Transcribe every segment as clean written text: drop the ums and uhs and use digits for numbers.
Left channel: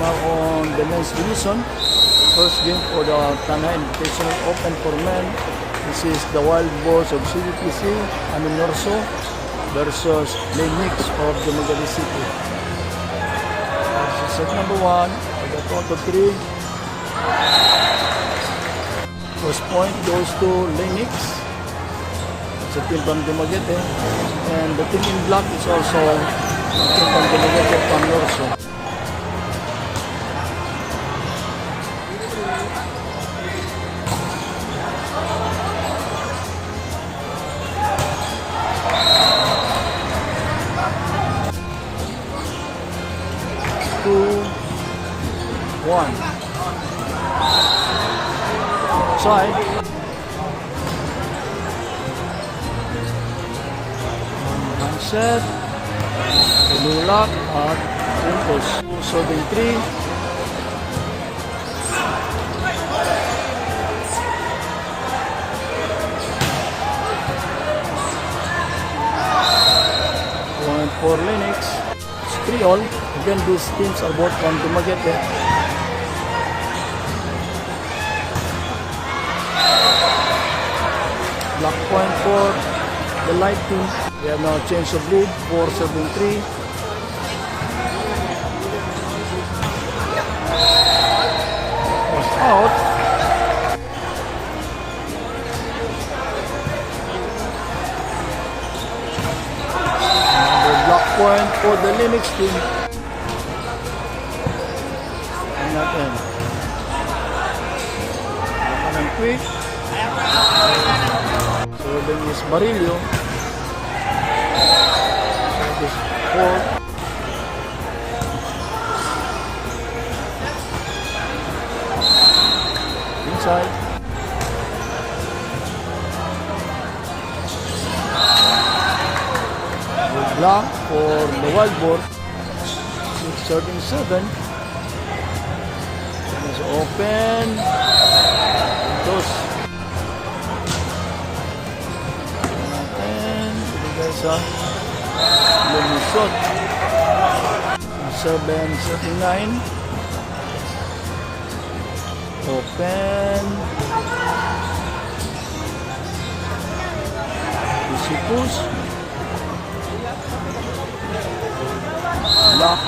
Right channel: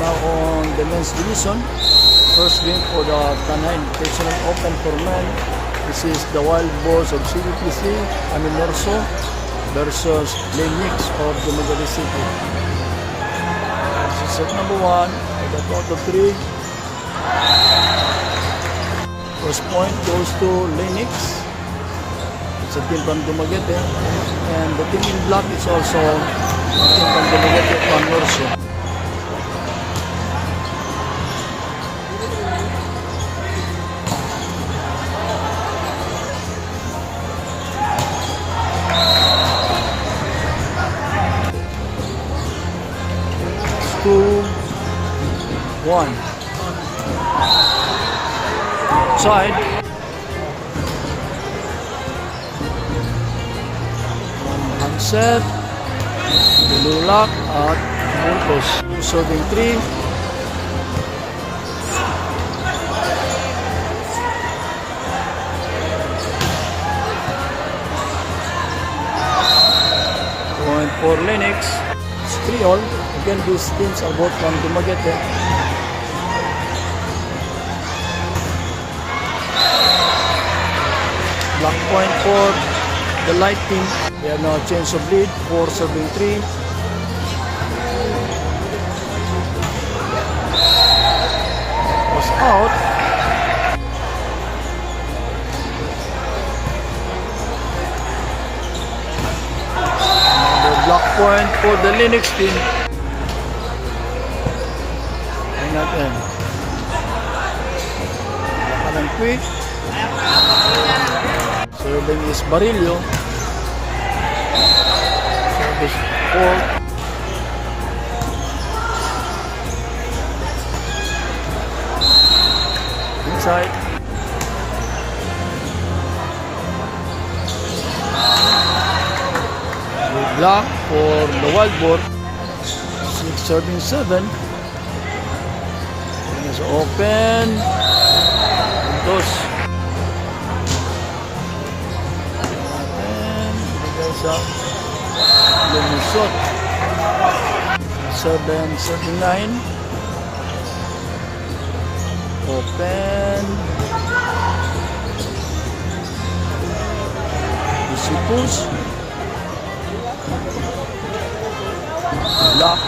now on the men's division. First game for the Tanay Invitational Open for men. This is the Wild Boars of CBPC, Amin Norso, versus Lenix of Dumaguete City. This is set number 1 for the count of 3. First point goes to Lenix. It's a team from Dumaguete. And the team in black is also a team from Dumaguete from Norso. Two, one. Side. Handset. Tululak at Puntos. Serving 3. Point for Lenix. It's 3-all. Again, these teams are both from Dumaguete. Black point for the light team. We have now a change of lead for serving 3. Was out. Another black point for the Lenix team. Natin. Baka ng quick. Serving is Barillo. Service 4. Inside. Good block for the Wild Boar. Serving 7. Open. Puntos. Natin. Binigay sa lumisot. 7-9. Open. Push. Block.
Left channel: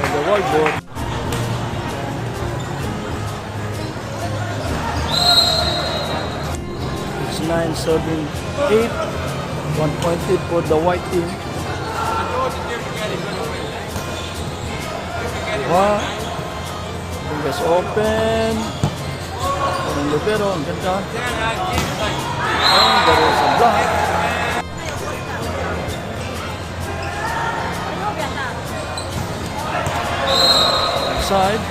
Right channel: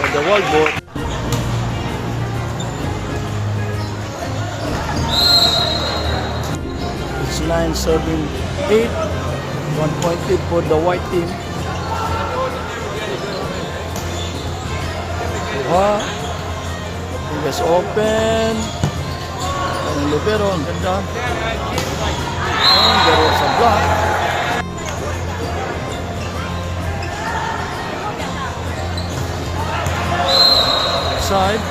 By the Wild Boar. It's 9 serving 8. 1 point lead for the white team. Kuha. Fingers open. Parang libero. Ang ganda. Ang garo sa block. Side.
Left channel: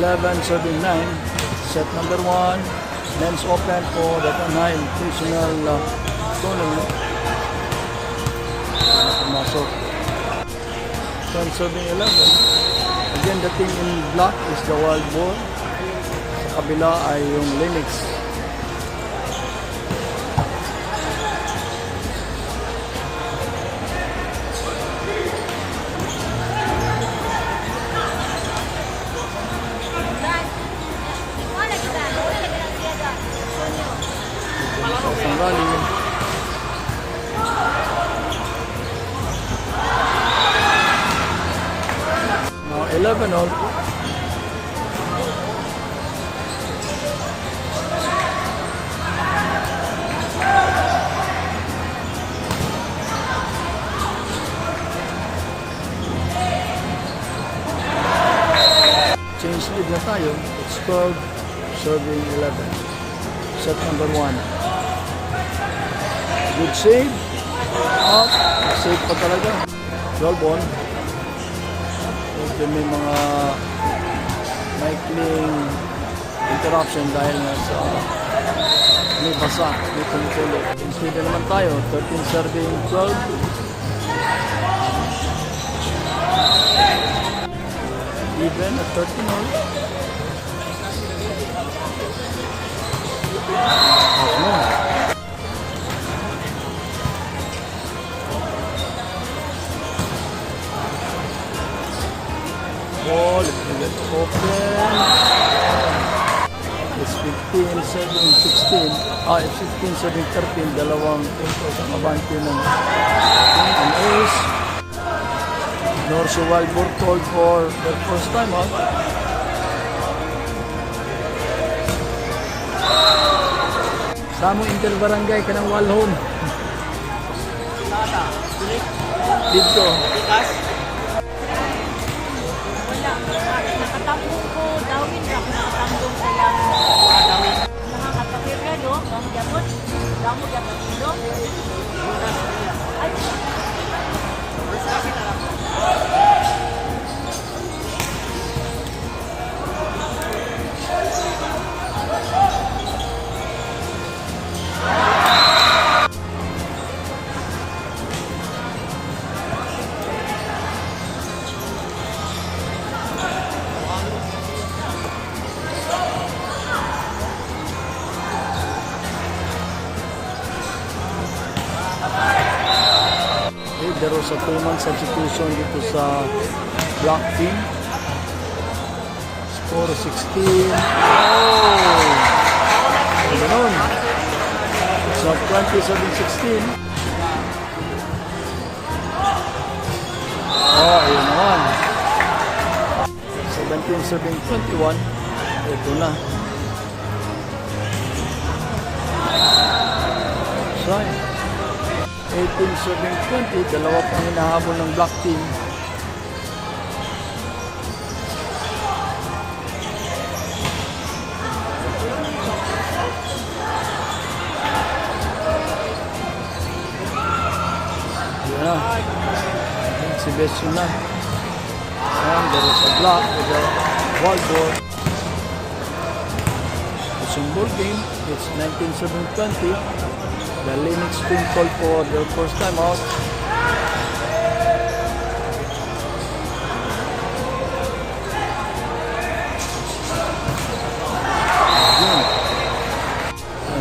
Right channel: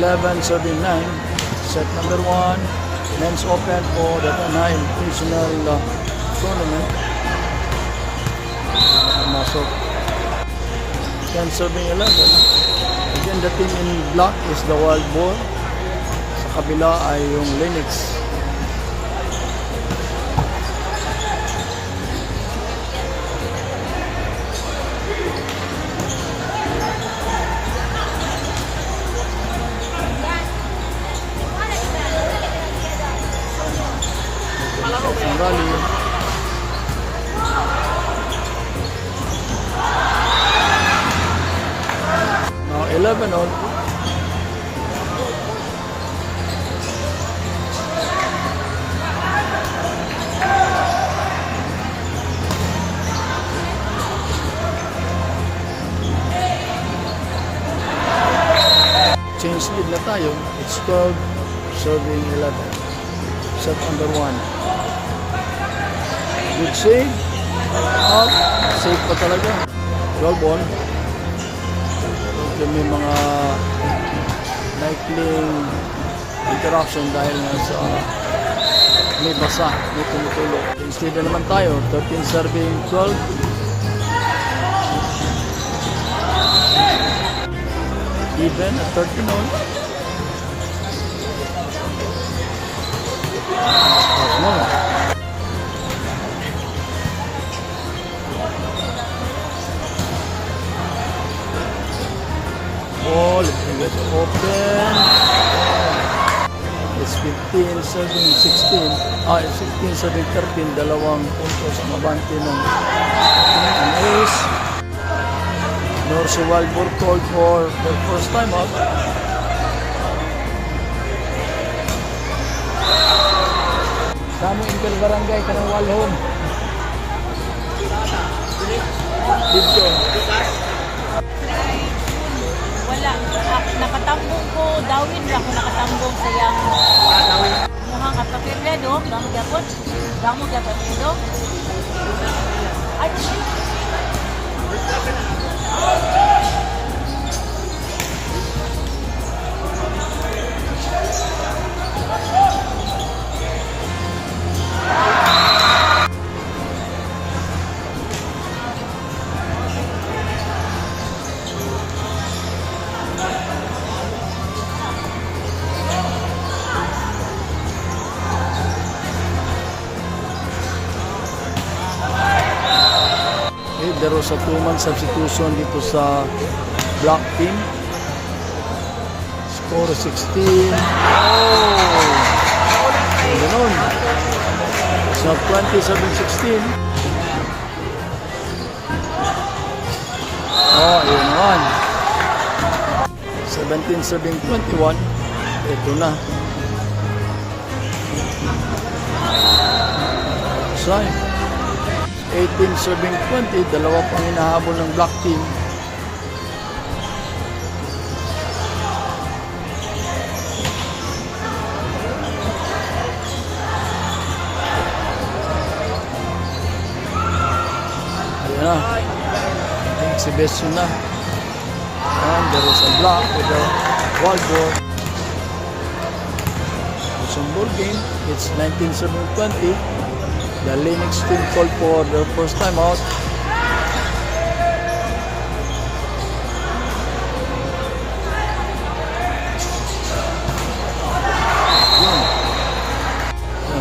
11 serving 9. Set number 1. Men's Open for the Tanay Invitational Tournament. Pumasok. 10 serving 11. Again, the team in black is the Wild Boar. Sa kabila ay yung Lenix. Rally. Now 11-all. Change lead na tayo. It's 12 serving 11. Set number 1. Good save. Up. Save pa talaga. 12 on. So, may mga maikling interruption dahil nga sa may basa, may tumutulo. Instead na naman tayo. 13 serving 12. Even at 13 on. Pass mo. ball. Let it open. It's 15, 7, 16. 16, 7, 13. Dalawang puntos ang abante ng an ace. Norso Wildboard called for their first time out. Dami Intel Barangay ka ng Walhon. Dito. Wala. Nakatambong ko, dawin na ako nakatambong siyang dawin. Mga kapapirla do, mga japot. Damo japot do. Ay, Okay, there was a 2-man substitution dito sa black team. Score 16. Oh! Ganun. It's not 27-16. Oh, yun naman. 17-7-21. Ito na. Try. 18-7-20, dalawa pang hinahabol ng black team. Ayan na. Si Beso na. And there was a block with a wildboard. It's a ball game. It's 19-7-20. The Linux team called for their first time out. Again.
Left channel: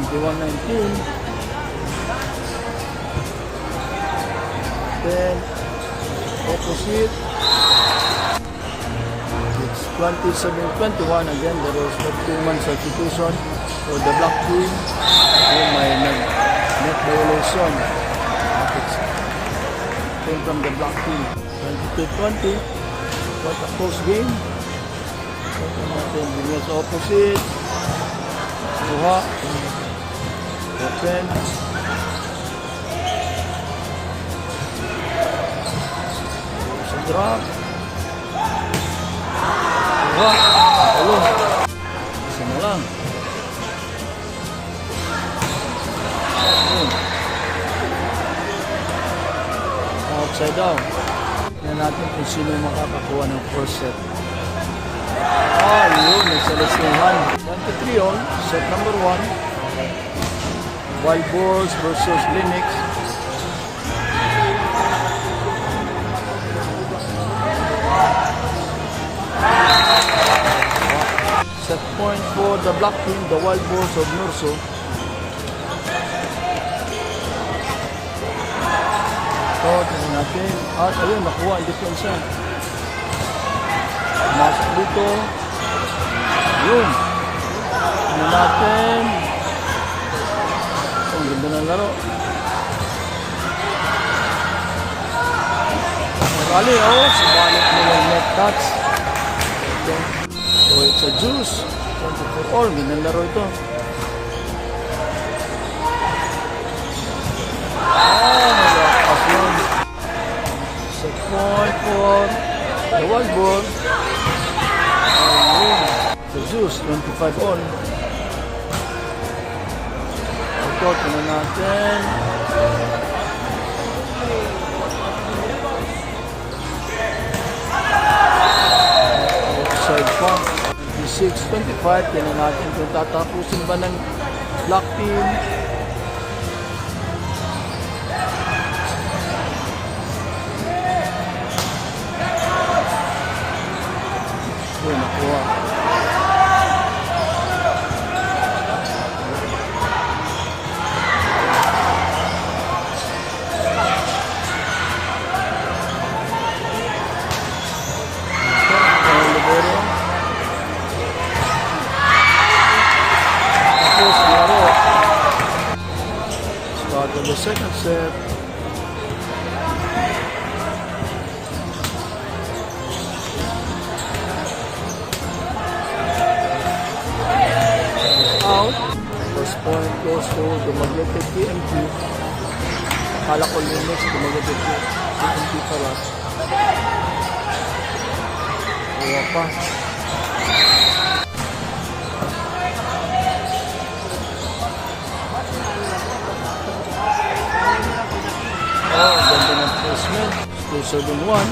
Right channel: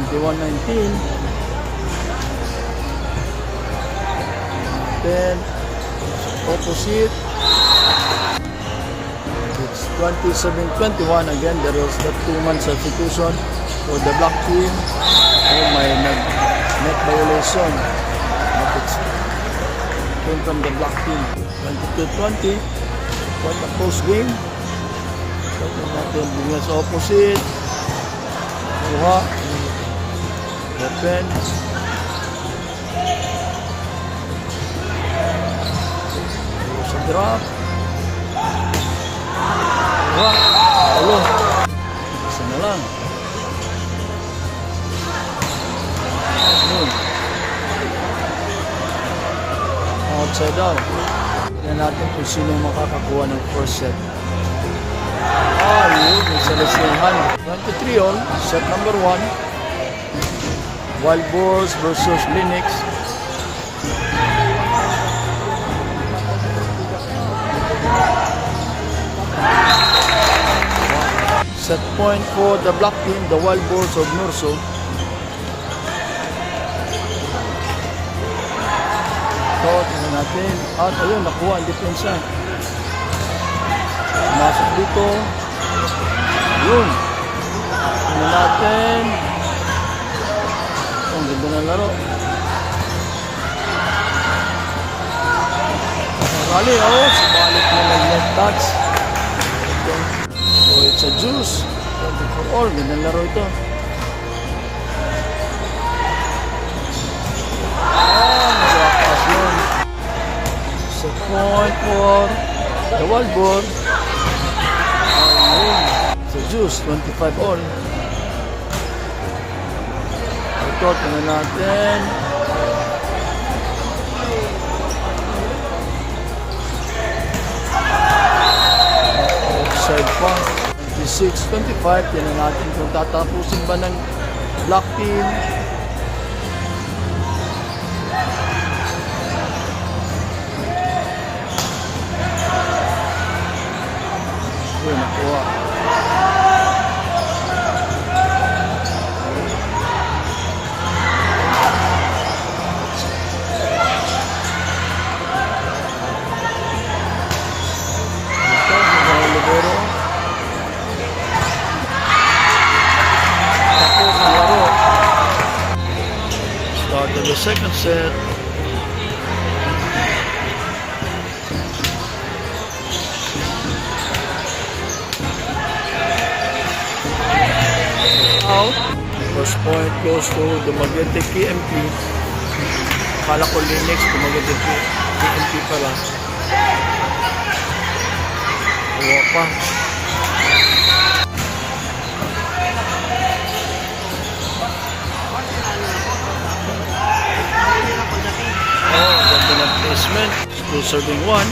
21-19. Then opposite. It's 27-21. Again, there was the 2-man substitution for the black team. Oh my, net violation. But it came from the black team. 22-20. Quite a close game. Ito natin din sa opposite. Kuha. Open. There's a drop. Kuha. Ulo. Isa na lang. Outside down. Tignan natin kung sino makakakuha ng first set. Yun. May salisihan. 23 all. Set number 1. Wild Boars versus Linux. Set point for the black team, the Wild Boars of Norso. So, tingnan natin. At ayun, nakuha ang depensa. Masok dito. Yun. Tingnan natin. Ang ganda ng laro. Rally, subalit nila yung net touch. Ito. So, it's a juice. 24 all. Ganda ng laro ito. Set point for the wildboard. Ayun. So, juice. 25 all. Ito, tingnan natin. Outside pa. 26-25. Tingnan natin kung tatapusin ba ng black team. Ito, nakuha. libero. Tapos ang laro. Start of the second set. Out. First point goes to Dumaguete KMP. Akala ko Linux, Dumaguete KMP pala. Uwa pa. Oh, ganda ng placement. Still serving one.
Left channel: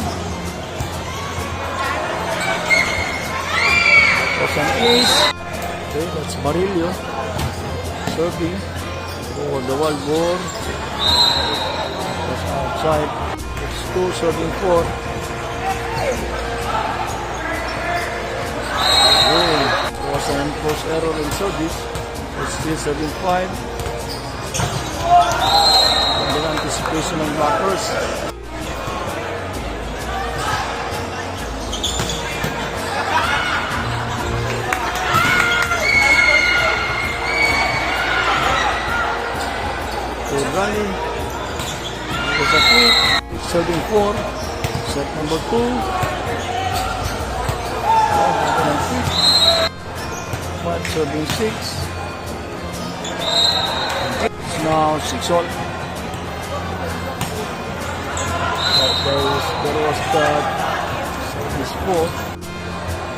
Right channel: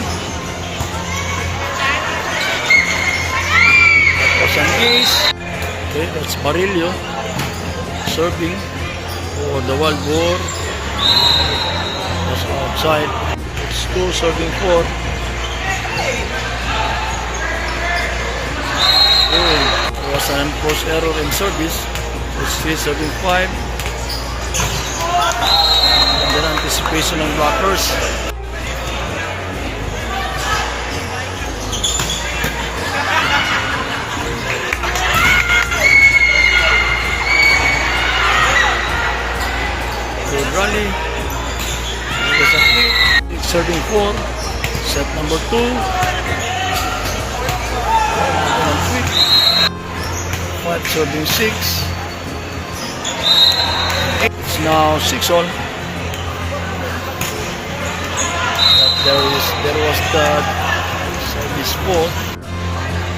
That was an ace. Okay, that's Barillo. Serving for the wild boar. That's outside. It's 2 serving 4. Oh, there was an enforced error in service. It's 3 serving 5. And then anticipation ng blockers. Good rally. There's a quick. Serving 4. Set number 2. And quick. 5 serving 6. It's now 6 all. But there was the service 4.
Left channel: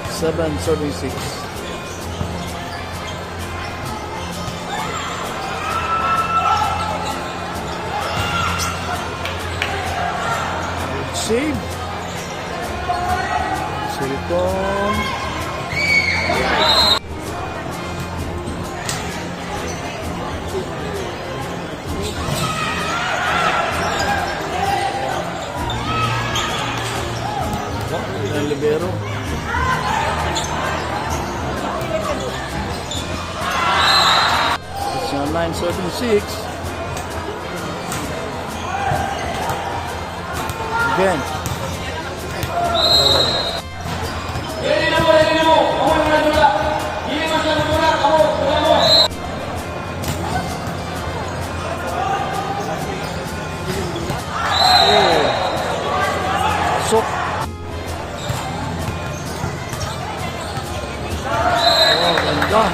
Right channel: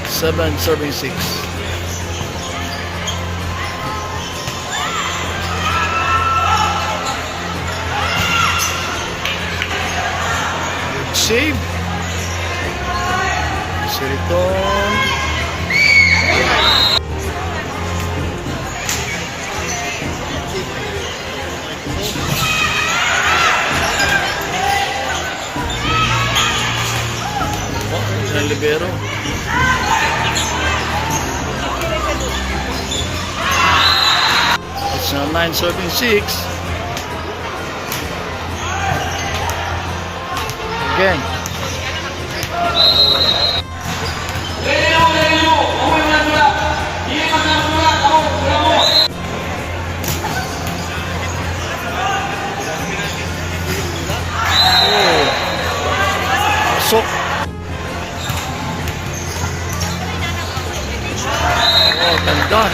7 serving 6. Save. Siriton. Oh, ang libero. It's now 9 serving 6. Again. So, oh, ganda.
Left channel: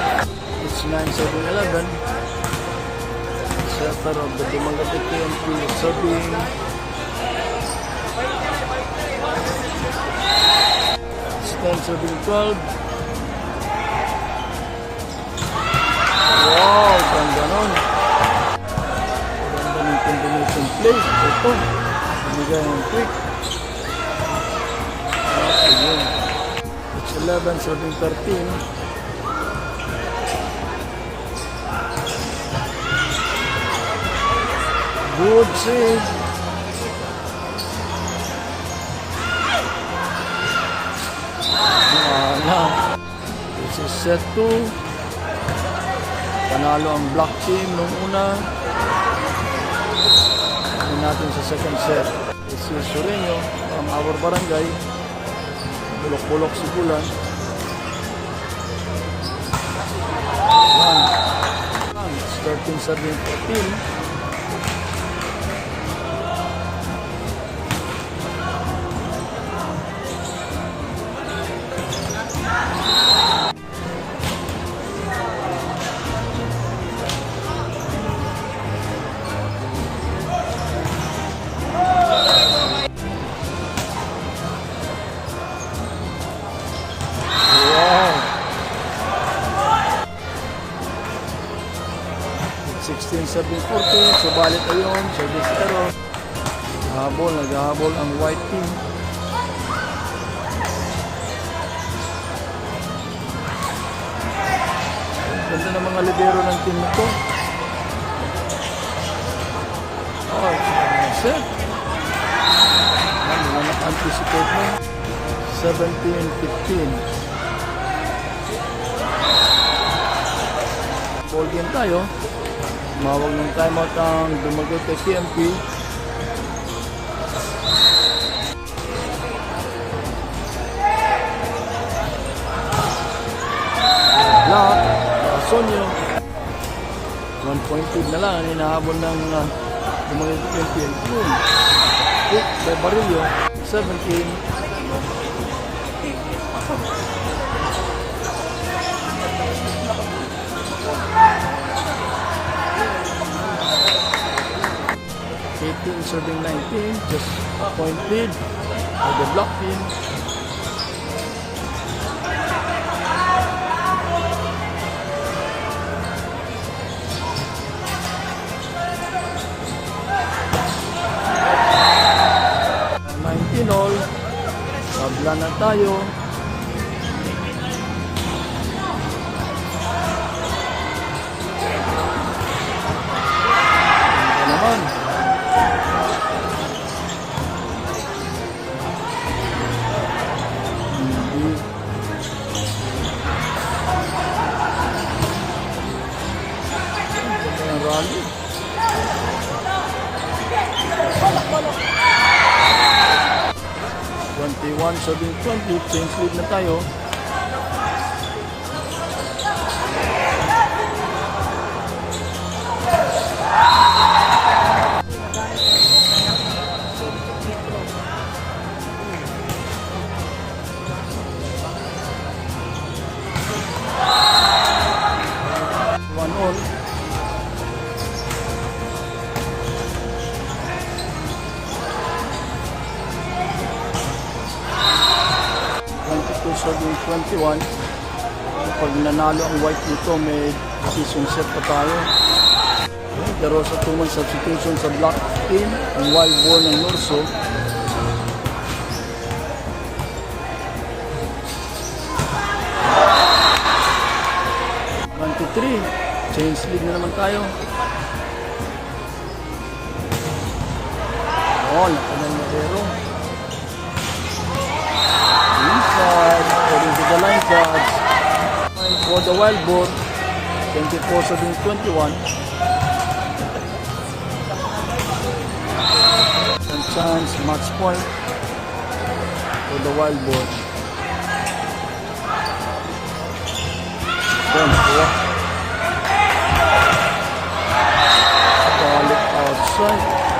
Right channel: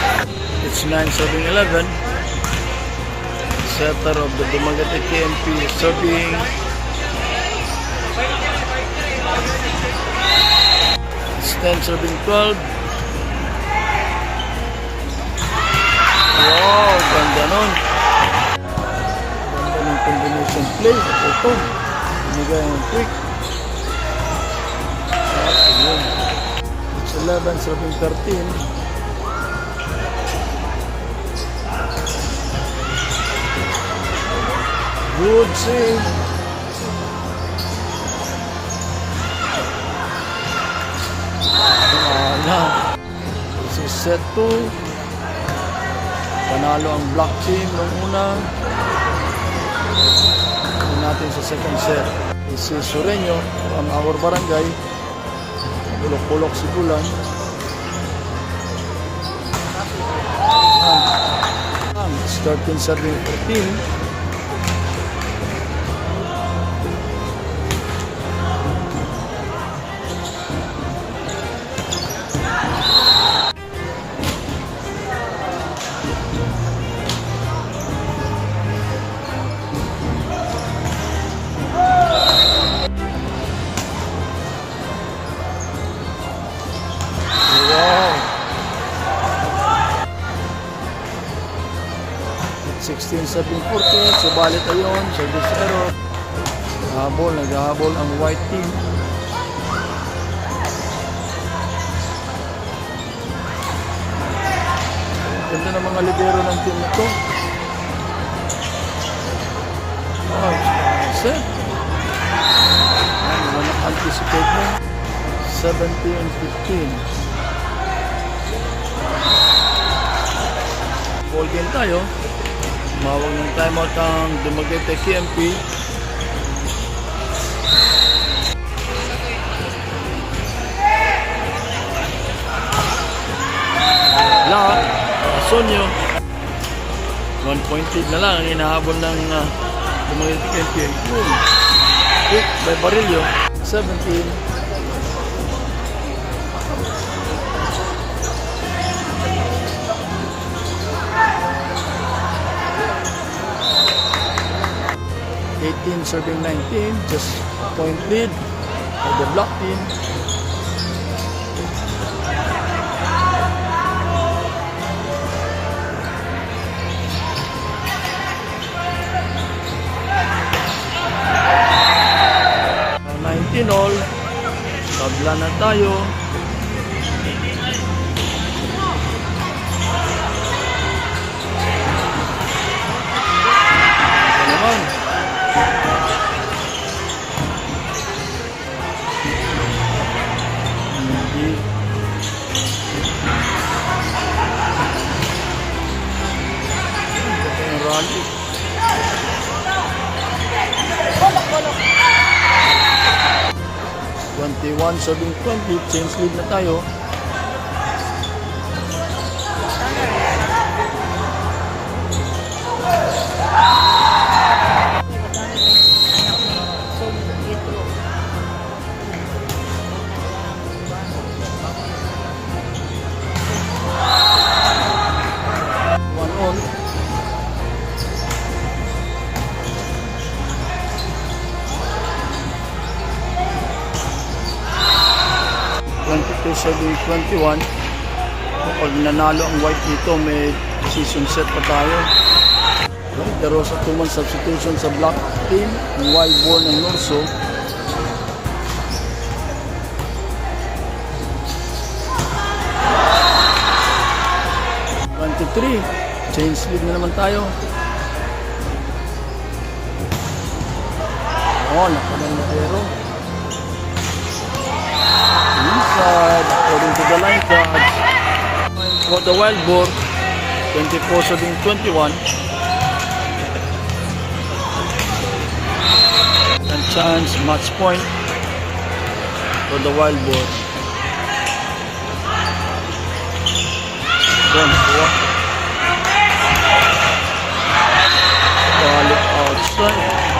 It's 9-11. Setter of the Dumaguete KMP serving. It's 10 serving 12. Wow, ganda nun. Ganda ng combination play. Ito, binigay ng quick. Okay, yun. It's 11 serving 13. Good save. This is set 2. Panalo ang black team nung una. Ano natin sa second set. This is Sureño from our barangay. Bulok-bulok si Bulan. It's 13 serving 14. Wow! 16 serving 14. Subalit ayon, service error. Naghahabol ang white team. Ganda ng mga libero ng team na to. Oh, set. Wala na-anticipate mo. 17-15. Ball game tayo. Mawag ng timeout ang Dumaguete KMP. Black, Sonyo. 1 point lead na lang ang hinahabol ng Dumaguete NPA. Boom! Quick by Barillo. 17. Serving 19, just a point lead for the Black team. Uh, 19 all, tabla na tayo. Ito naman. Rally. Twenty-one, 20, change lead na tayo. One all. 22-21. Kapag nanalo ang white nito, may decision set pa tayo. Okay, the Rosa 2-man substitution sa black team ng Wild Boar ng Norso. Change lead na naman tayo. Oh, nakanalero. Inside, according to the line cards. For the Wild Boar, 24-21. And chance, match point for the Wild Boar. Then, balik outside.